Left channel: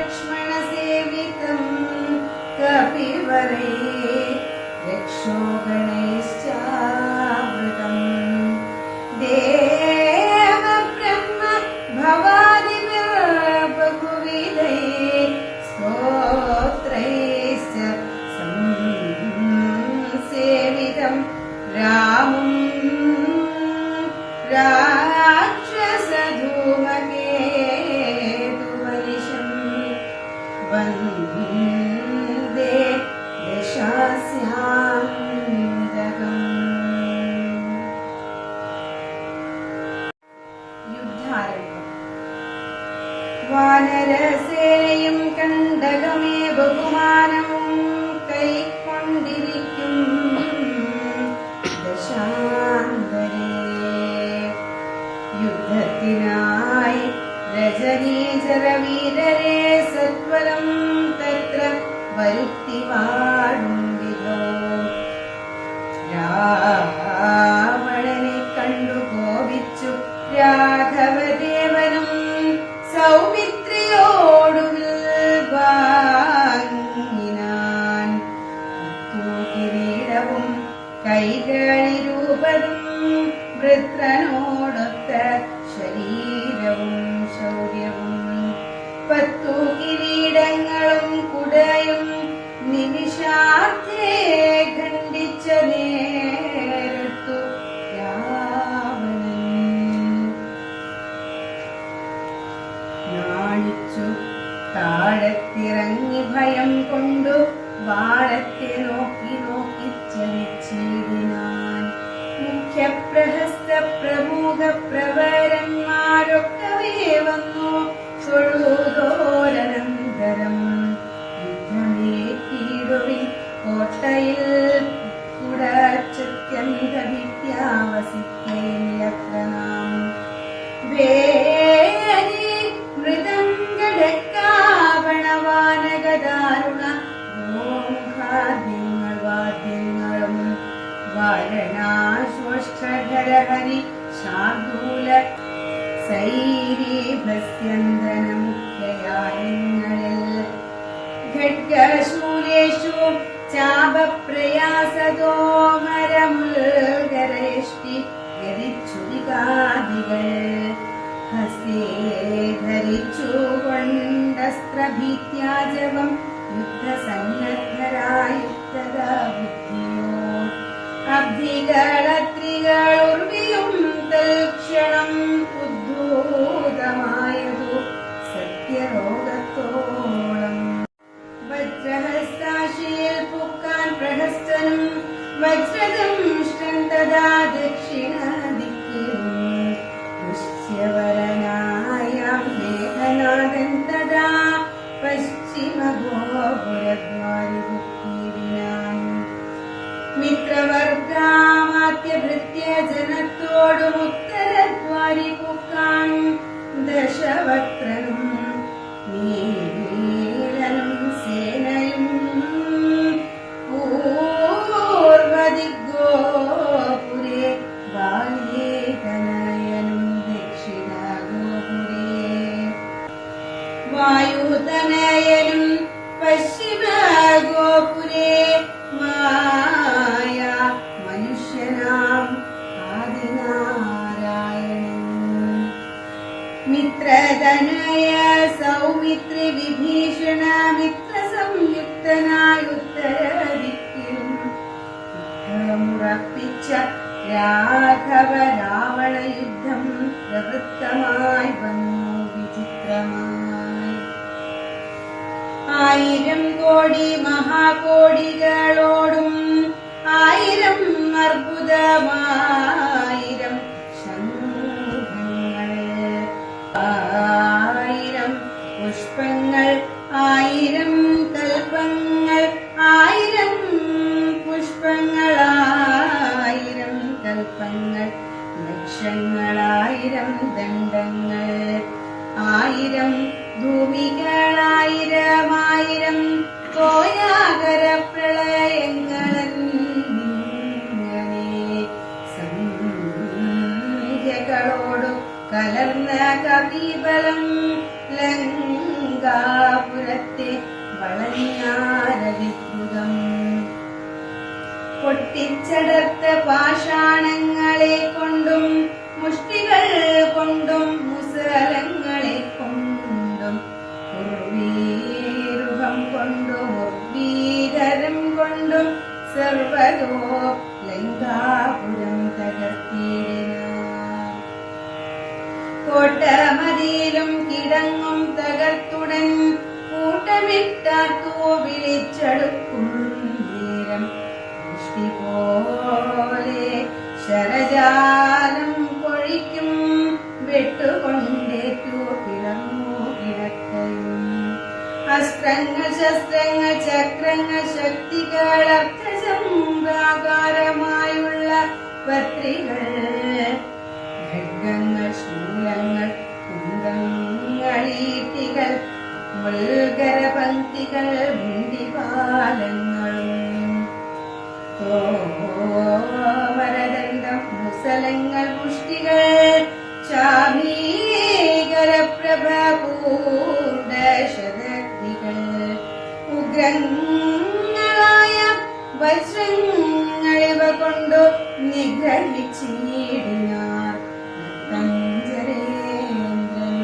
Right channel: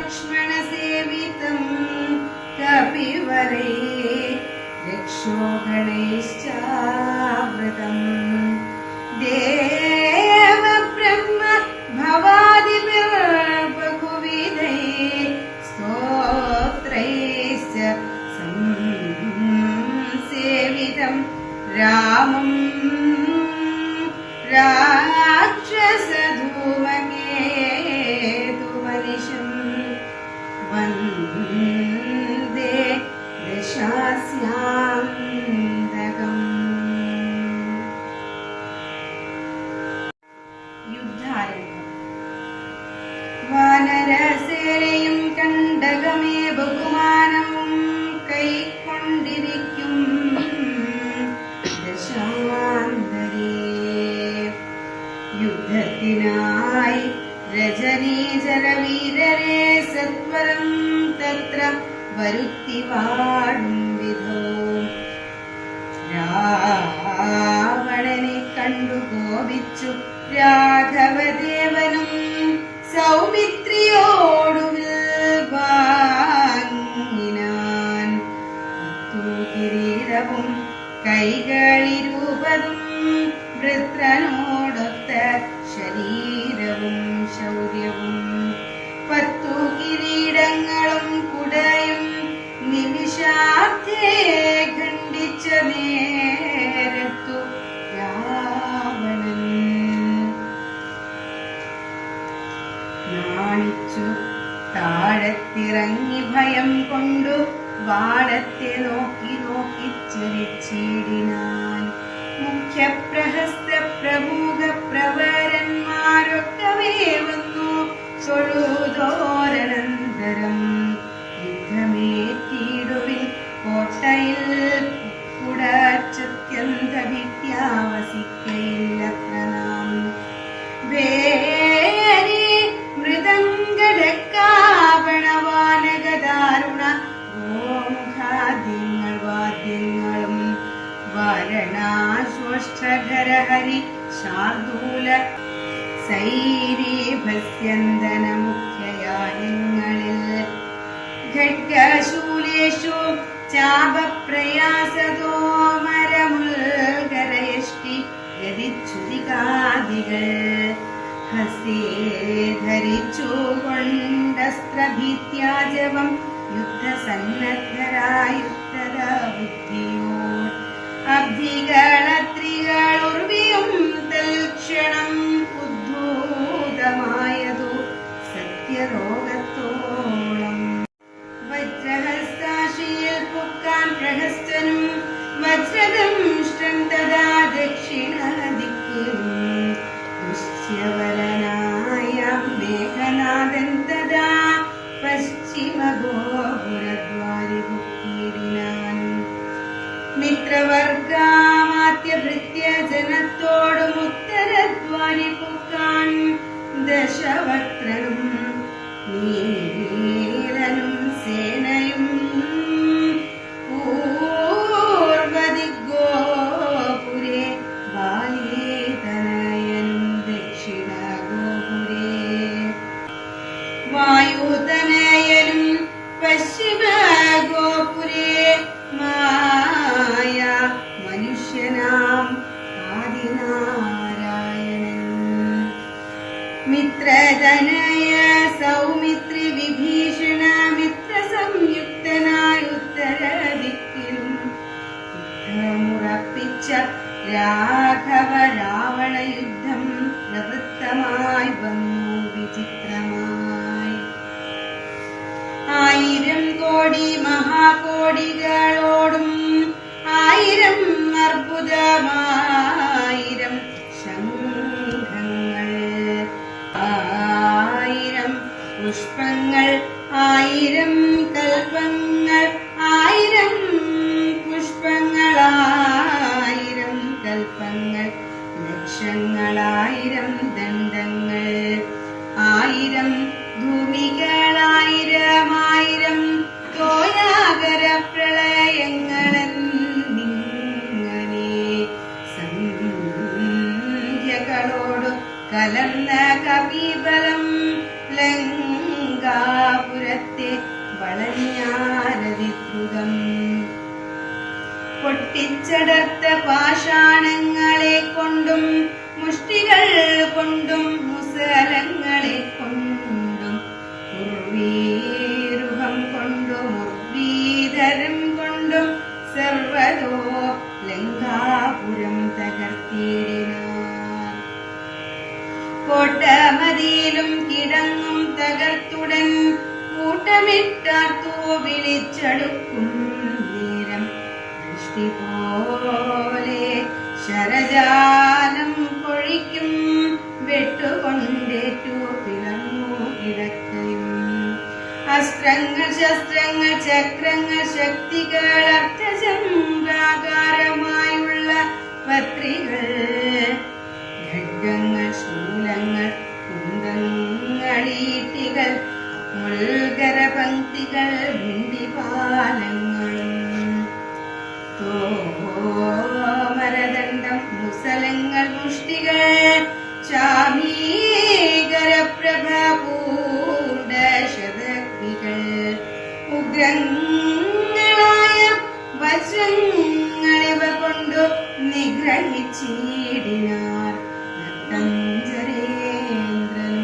लक्ष्मण सेवितं कपिवरे रक्षो गणैश्चावृतम् देव ब्रह्म भवादिभिर्बहुविधैः स्तोत्रैश्च संसेवितं रामम् राक्षसधूमकेतुवनिशम् वन्दे दशास्यान्तकम्। युद्धारम्भम्। वानरसेनയും കണ്ടകമേ ബഹുമാനവും കൈക്കൊണ്ടിരിക്കും ദശാന്തരേ യുദ്ധത്തിനായി രജനീചരവീരരെ സത്വരം തത്ര വരുത്തി വാഴും വിധോ രാവണനെ കണ്ടു കോപിച്ചു രാഘവദേവനും സൗമിത്രിയോടുവിൽ വാങ്ങിനാൻ കിരീടവും കൈകളിരൂപതും വൃത്രനോടൊത്ത ശരീരവും ശൗര്യവും 10 കിരീടങ്ങളും കുടയും നിമിഷാർത്ഥേ ഖണ്ഡിച്ച നേരത്തു രാവണൻ നാണിച്ചു താഴത്തിറങ്ങി ഭയം കൊണ്ടു വാളത്തെ നോക്കി നോക്കി ചലിച്ചിടിനാൻ. മുഖ്യപ്രഹസ്ത പ്രമുഖ പ്രവരന്മാരൊക്കവേ വന്നു തൊഴുതോരനന്തരം യുദ്ധമേറ്റിടുവിൻ കോട്ടയിൽ കുടച്ചത്യന്ത വിദ്യാവസിക്കയില്ലത്ര നാം. വേരി മൃദംഗടക്കാവണവാനകദാരുണ ഗോമുഖാദ്യങ്ങൾ വാദ്യങ്ങളും വാരണാശ്വഷ്ഠരഹരി ശാർദൂല സൈരീഭസ്യന്തന മുഖ്യയാനങ്ങളിൽ ഖഡ്ഗശൂലേഷു ചാപപ്രയാസതോ മരമുൽഗരയഷ്ടി ഗതിച്ഛുതികാദികൾ ഹസ്തേ ധരിച്ചു കൊണ്ടസ്ത്രഭീത്യാജവം യുദ്ധസന്നദ്ധരായുദ്ധരാ ബുദ്ധിയോ അബ്ധികളത്രികളുർവിയും തൽക്ഷണം ഉദ്ധൂതമായതു സത്യരോഗത്തോളം. വജ്രഹസ്താശിയിൽ പുക്കാൻ പ്രഹസ്തനും വജ്രദംഷ്ടൻ തഥാ ദക്ഷിണദിക്കിലും ദുശ്യവരനായാം മേഘനാഥൻ തഥാ പശ്ചിമഗോപുരദ്വാരി പുക്കീടിനാൻ. മിത്രവർഗാമാത്യഭൃത്യ ജനത്തോടും ഉത്തരദ്വാരി പുക്കാൻ ദശവക്രനും നീലനും സേനയും പൂർവദിഗോപുരേ ബാലിതനയനും ദക്ഷിണഗോപുരേ വായുതനയനും പശ്ചിമഗോപുരേ മായ മനുഷ്യനാം ആദിനാരായണൻ. മിത്രതനയ സൗമിത്രി വിഭീഷണ മിത്ര സംയുക്തനായ ഉത്തരദിക്കിലും യുദ്ധമുറപ്പിച്ച രാഘവ രാവണ യുദ്ധം പ്രവൃത്തമായി വന്നു വിചിത്രമായി. 1000 കോടി മഹാകോടികളോടും 1000 അർബുദമായിരം ശംഖങ്ങൾ 1000 പുഷ്പങ്ങൾ 1000 കൽപ്പങ്ങൾ 1000 പുഷ്പങ്ങൾ 1000 കൽപ്പങ്ങൾ ലക്ഷങ്ങളായിരം ദണ്ഡങ്ങൾ 1000 ഭൂമികളായിരം തോയാകര പ്രളയങ്ങളെന്നിങ്ങനെ സംഖ്യകളോടു കലർന്ന കവിബലം ലങ്കാപുര പിച്ചടർത്ത പാഷാണങ്ങളെ കൊണ്ടും മുഷ്ടികൾ കൊണ്ടും മുസലങ്ങളെ കൊണ്ടും ഉർവീരുഹം കൊണ്ടും ഉർവീധരം കൊണ്ടും സർവതോ ലങ്കാപുരം തകർത്തിടിനാർ. കോട്ടമതിയിലും കിടങ്ങും തകർത്തുടൻ കൂട്ടമിട്ടാർത്തോ വിളിച്ചടുക്കും നേരം ദൃഷ്ടി പോലെ ശരജാലം പൊഴിക്കും വെട്ടുകൊണ്ടേറ്റു പിളർന്നു കിടക്കയും. അസ്ത്രങ്ങൾ ശസ്ത്രങ്ങൾ ചക്രങ്ങൾ ശക്തികൾ അർത്ഥചംബ്രാകാരമായുള്ള പത്രികൾ ഖഡ്ഗങ്ങൾ ശൂലങ്ങൾ കുന്തങ്ങൾ ഈട്ടികൾ മുൾഗരപംക്തികൾ ഭിണ്ടിപാലങ്ങളും തോമരദണ്ഡം മുസലങ്ങൾ മുഷ്ടികൾ ചാമീകരപ്രഭപൂണ്ട ശതഗ്നികൾ ഉഗ്രങ്ങളായ വജ്രങ്ങളിവ കൊണ്ടു നിഗ്രഹിച്ചിടിനാർ നക്തഞ്ചരേന്ദ്രൻ.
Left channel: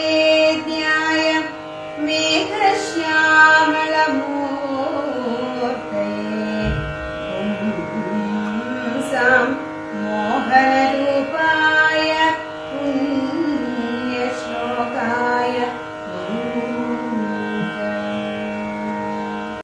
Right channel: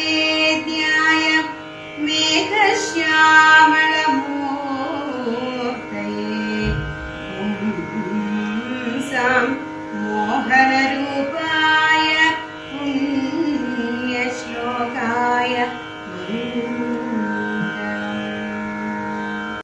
വേദവേദാന്തവേദ്യായ മേഘശ്യാമളമൂർത്തയേ പുംസാം മോഹനരൂപായ